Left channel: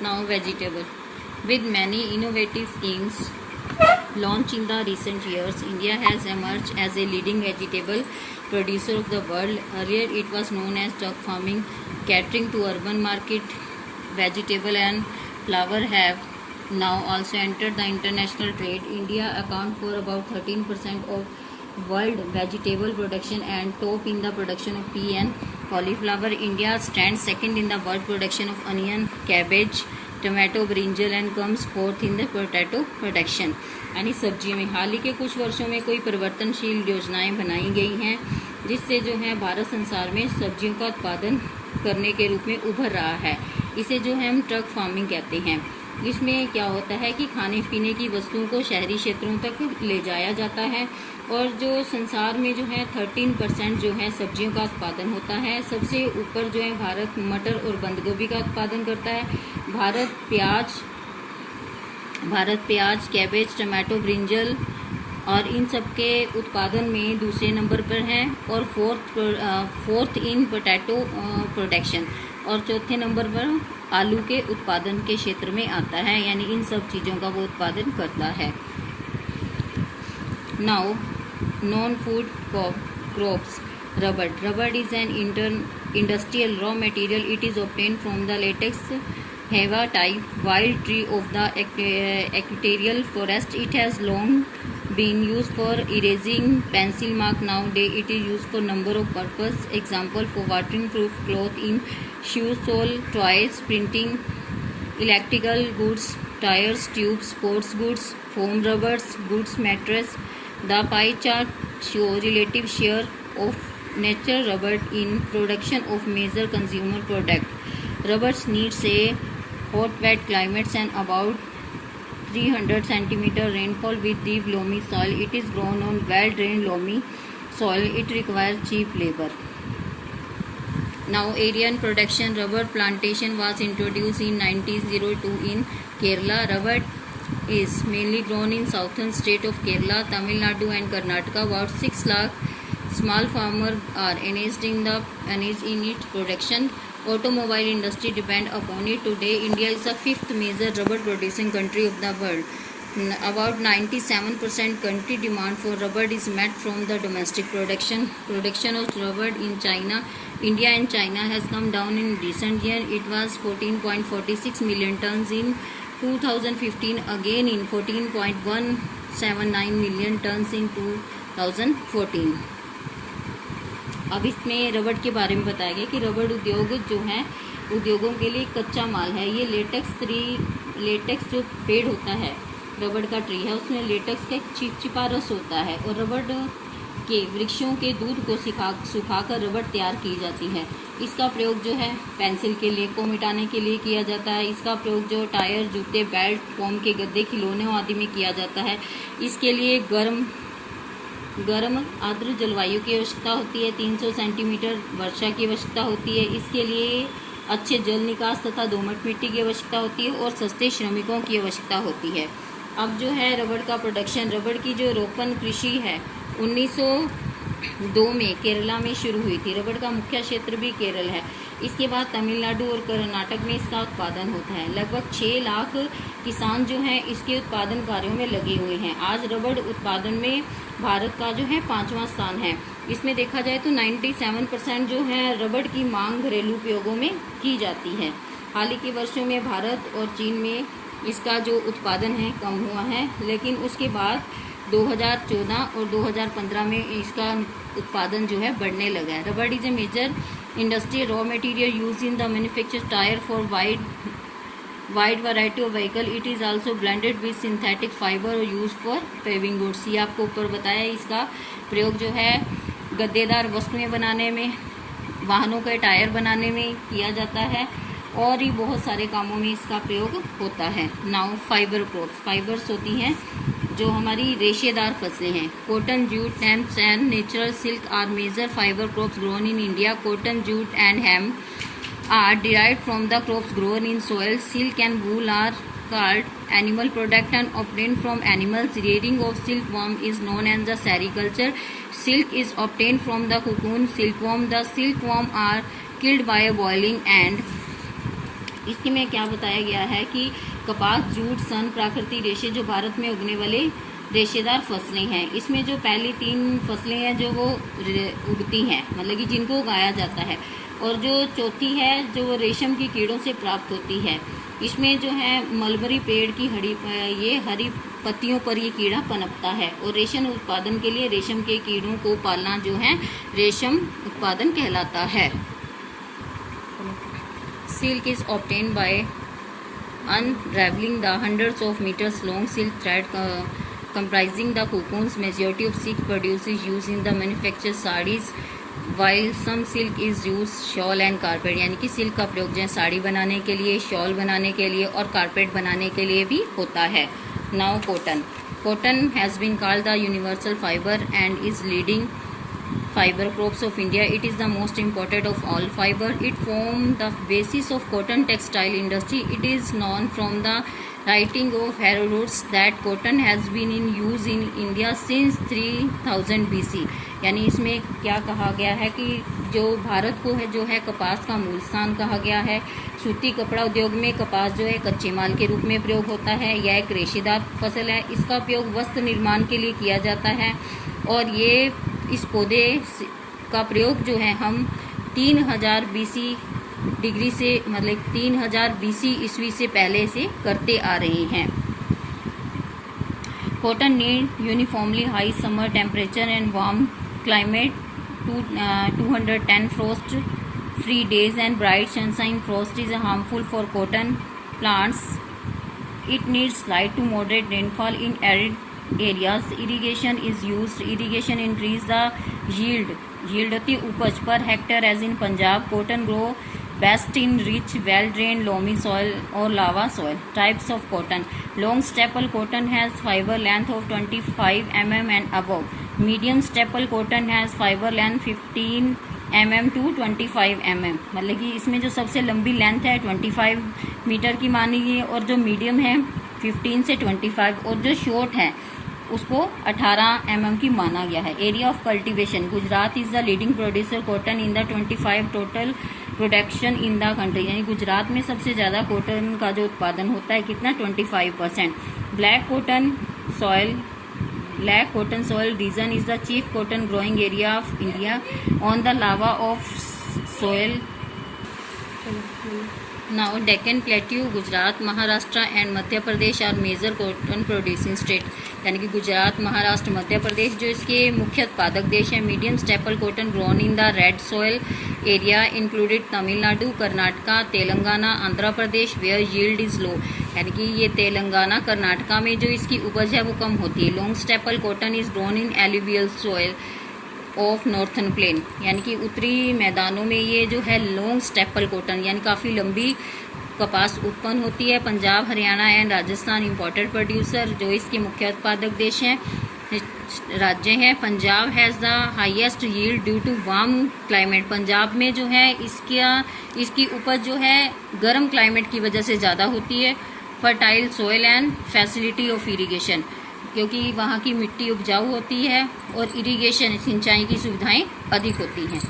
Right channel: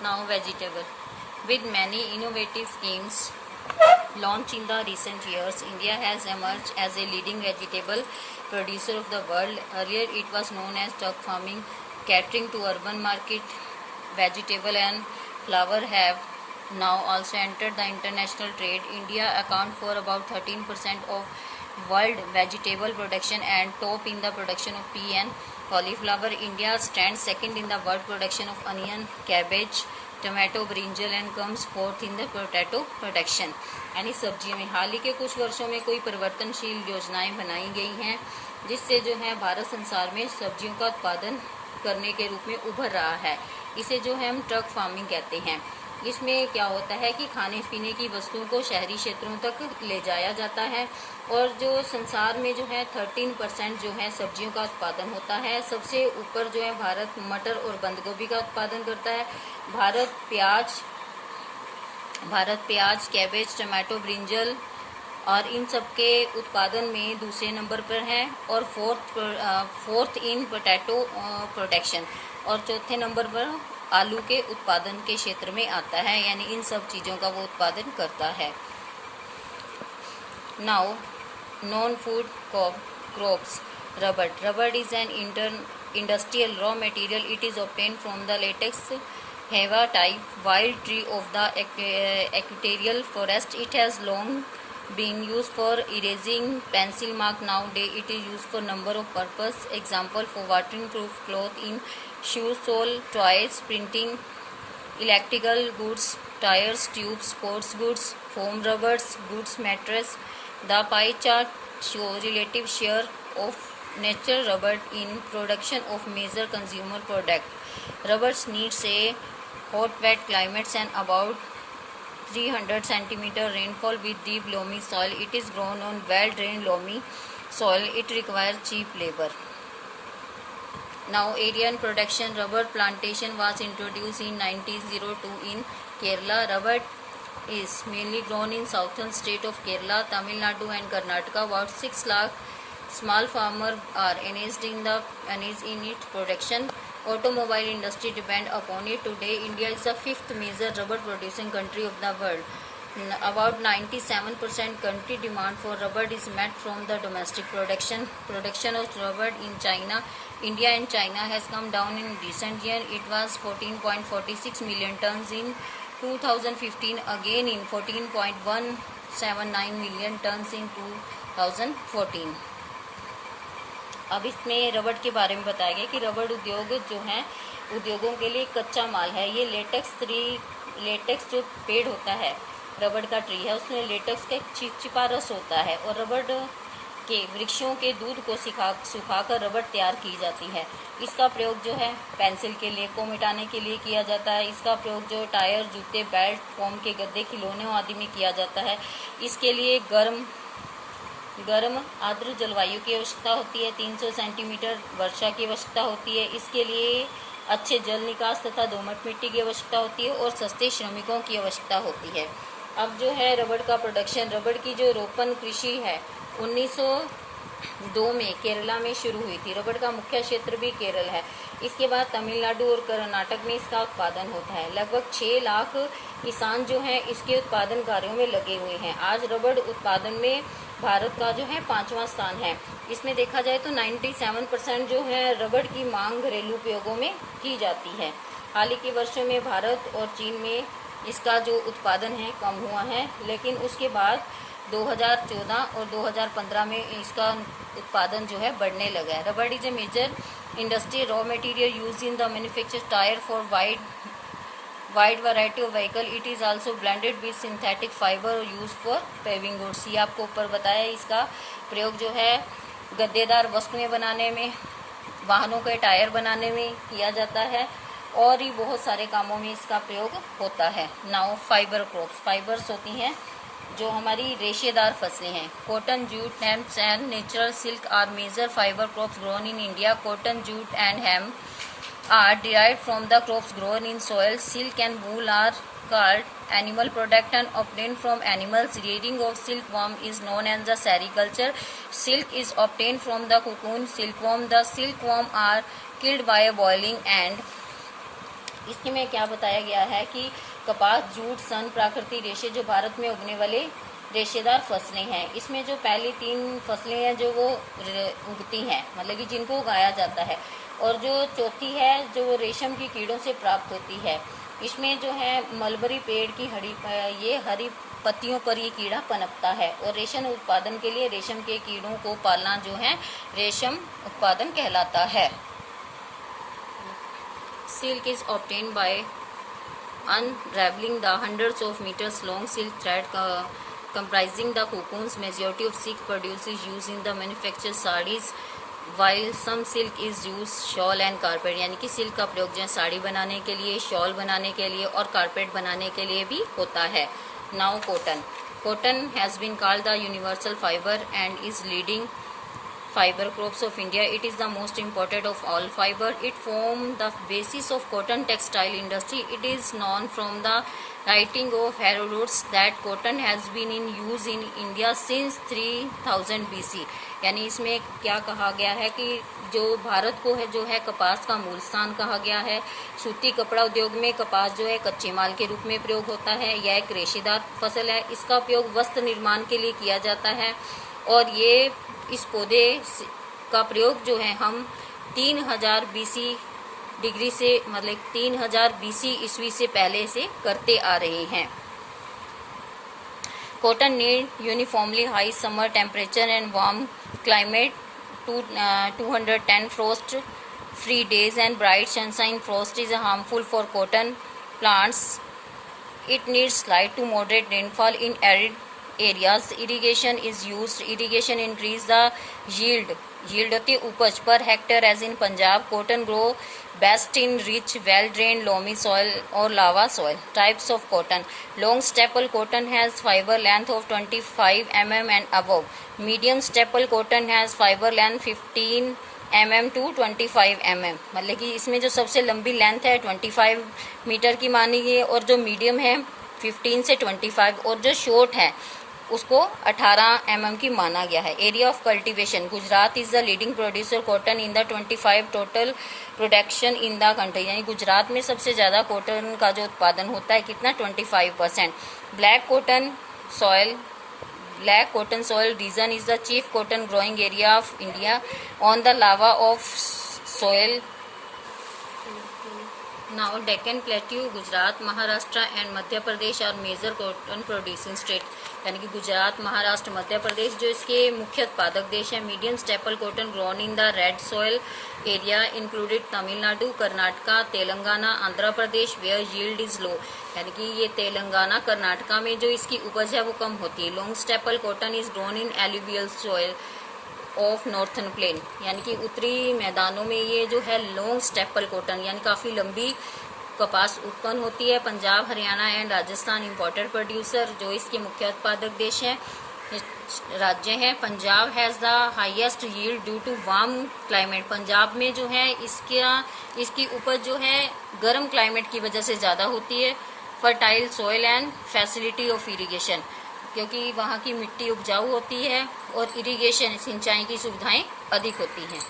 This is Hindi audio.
Now vegetable. With many innovative schemes launched in the recent years, India has emerged as a leading vegetable producer of the world. Earlier it was known as duck farming, catering to urban market. Vegetable and flower have now also entered the international trade. India accounts for about 13% of world vegetable production and top in the production of pea and cauliflower. India stands second in the world production of onion, cabbage, tomato, brinjal and comes fourth in the potato production. यानी सब्जियों में हाल ही के कुछ वर्षों में कोई परिवर्तनशील योजनाएं बनाई गई हैं जिससे जो है भारत संसार में सब्जियों का उत्पादन करने के रूप में उभर रहा है। इसे जो है हम ट्रक फार्मिंग कहते हैं। इसमें क्या होता है कि खाने पीने की वस्तुओं को शहरी क्षेत्रों तक ले जाया जाता है और जो संसार में जो है 13% जो है सब्जियों का उत्पादन होता है। सबसे ऊपर जो है भारत मटर और बंद गोभी का उत्पादन करता है। भारत प्याज, कैबेज, टमाटो, ब्रिंजल और इन सब के उत्पादन में दूसरे नंबर पर है और फोर्थ इन पोटैटो प्रोडक्शन और चौथे नंबर पर आलू के उत्पादन के क्षेत्र में आता है। यानी इन सब चीज़ों का वो उत्पादन करता है। Now non food crops. Rubber is an industrial raw material. It is obtained from the latex heva type wild tree of the equatorial forest. It has long been used for erasing pencil mark. Nowadays it is used for number of purpose. Example for waterproof cloth in shoes, sole, toys, printing, electrical goods, tires, tubes, sports goods, foam rubbers, goods mattress. The pie chart shows relative share of natural rubber in production of major consumer product. Rubber needs a hot wet climates and about 300 centimeter rainfall with deep loamy soil. It is grown on well drained loamy soil. It requires cheap labor. Now area and production. Rubber plantation was introduced in 1902 in Kerala. Rubber is mainly grown in southern state of Kerala, Tamil Nadu and Karnataka. About 6 lakh small farmers are engaged in its production. Automobile industry depend upon it. Today India is the fifth major rubber producing country of the world. About 97% country demand for rubber is met from the domestic production. Production of rubber in China, India and China has come down in recent year. It was 14.46 million tons in 2015, again in 14.179 million tons in 2014. अब इसमें रबड़ के बारे में बताया गया कि रबड़ उद्योग जो है उद्योगों के लिए कच्चा माल है। ये लेटेक्स जो पेड़ होता है, रबड़ का ट्री है, उसमें लेटेक्स का चिपचिपा रस होता है और रबड़ के वृक्षों के दूध को सुखाकर रबड़ तैयार की जाती है। इसका प्रयोग जो है पेंसिल के लिए को मिटाने के लिए किया जाता है। इसका प्रयोग जो टायर, जूते, बेल्ट, फोम के गद्दे, खिलौने आदि में किया जाता है। इसके लिए गर्म आर्द्र जलवायु की आवश्यकता होती है। 300 सेंटीमीटर वर्षा की आवश्यकता होती है। इसके लिए अच्छे जल निकास तथा दोमट मिट्टी की आवश्यकता होती है और सस्ते श्रमिकों की आवश्यकता होती है। अब जो है रबड़ का प्रोडक्शन, रबड़ की जो रोपण कृषि है 1902 में केरला में शुरू हुई थी। रबड़ का मुख्य क्षेत्र भी केरल है। इसके बाद तमिलनाडु और कर्नाटक में इसका उत्पादन होता है। लगभग 6 लाख किसान जो हैं इसके उत्पादन कार्यों में लगे हुए हैं। आज रबड़ उत्पादन में भारत का जो है 5वां स्थान है। इसमें देखा जाए तो 97% जो है रबड़ की मांग घरेलू उपयोगों में की जाती है। हाल ही के वर्षों में भारत और चीन में इसका जो उत्पादन है कम हुआ है, लेकिन उसके बाद 2014 और 2015 में इसका उत्पादन जो है बढ़ने लगा है। Rubber is a major industry raw material use in the manufacture tyre for wide variety of vehicle. It is also blended with synthetic fibre और यूज फॉर पेविंग गुड्स. ये आपको ऊपर बताया. इसका प्रयोग जो है गद्देदार वस्तुएं बनाने में, वाहनों के टायर बनाने में किया जाता है और भी बहुत सारे कामों में इसका प्रयोग होता है. Now fibre crops. फाइबर्स होती हैं जो हमारी रेशेदार फसलें हैं. Cotton, jute, hemp and natural silk are major fibre crops grown in India. Cotton, jute and hemp are derived from the crops grown in soil. Silk and wool are called animal product and obtained from animals. Rearing of silkworm is known as the sericulture. Silk is obtained from the cocoon silkworm. The silkworm are killed by boiling and इसके में क्या बताया गया है कि कपास, जूट, सन, प्राकृतिक रेशे जो भारत में उगने वाले रेशेदार फसलें हैं। इसमें जो पहली 3 फसलें हैं जो वो उगती हैं, मतलब कि जिनको उगाया जाता है, और जो चौथी है जो रेशम की कीड़ों से प्राप्त होती है। इसमें जो है मलबरी पेड़ की हरी पत्तियों पर ये कीड़ा पनपता है, और रेशम उत्पादन के लिए रेशम के कीड़ों को पालना जो है रेशम उत्पादन कहलाता है। Silk is obtained by unraveling the hundreds of meters long silk thread comprising the cocoons. Majority of silk produce is used in the manufacture sarees, while some silk is used shawl and carpet. यानी कि सिल्क का प्रयोग जो है साड़ी बनाने के लिए, शॉल बनाने के लिए और कारपेट बनाने के लिए भी होता है। Now cotton has been called the universal fibre and is leading fiber crops of India. It is the most important of all fiber. It formed the basis of cotton textile industry. It is known from the writing of Herodotus that cotton has been in use in India since 3000 BC. यानी इसमें क्या कहा गया है कि जो भारत को है जो है कपास का मूल स्थान कहा गया है। सूती कपड़ा उद्योग में कपास जो है कच्चे माल के रूप में प्रयोग होता है। यह एक रेशेदार फसल है। इसका उपयोग वस्त्र निर्माण के लिए किया जाता है, और ये इस पौधे का प्रयोग जो है हम 3000 BC डिग्री से, मतलब 3000 BC ईस्वी से पहले से करते आ रहे हैं। Cotton need uniformly high summer temperature and warm climate, 210 frost free days and bright sunshine. Frost is harmful for cotton plants. It needs slight to moderate rainfall in arid areas. Irrigation is used. Irrigation increase the yield होती है उपज per hectare as in Punjab. Cotton grow best in rich well drain loamy soil और lava soil. Types of cotton. Long staple cotton has fibre length of 25 mm and above. Medium staple cotton has fibre length 15 mm to 25 mm. मतलब कि इसमें जो सबसे लंबी लेंथ है 25 मीटर की मानी गई है, और जो मीडियम है 15 से 25, और जो शॉर्ट है उसको 18 mm की माना गया है. Area of cultivation. Gujarat is the leading producer cotton in the 25 total production in the country. यानी गुजरात में सबसे ज़्यादा कॉटन का जो उत्पादन होता है कितना, 25%. Black cotton soil region is the chief cotton growing area of India on the lava of soil. Now Deccan plateau, Gujarat, Maharashtra and Madhya Pradesh are major cotton producing state. यानी कि गुजरात, महाराष्ट्र, मध्य प्रदेश जो इसके मुख्य उत्पादक देश हैं. Medium staple cotton grown in the red soil area included Tamil Nadu, Karnataka, Telangana, Andhra Pradesh where yield is low. यानी कि ये तेलंगाना, कर्नाटका में जो इसकी उपज है वो कम होती है. Long staple cotton is grown in alluvial soil of northern plain. यानी कि उत्तरी मैदानों में ये जो है लॉन्ग स्टेपल कॉटन यानी काफ़ी लंबी कपास उत्पन्न होती है. Punjab, Haryana and Rajasthan imported producer जो इसके मुख्य उत्पादक देश हैं, राज्य हैं. Punjab has the highest yield due to warm climate. Punjab में जो है इसकी उपज जो है गर्म क्लाइमेट की वजह से ज़्यादा होती है. Fertile soil and facility of irrigation, क्योंकि वहाँ की मिट्टी उपजाऊ होती है और इरिगेशन सिंचाई की सुविधाएं अधिक होती हैं.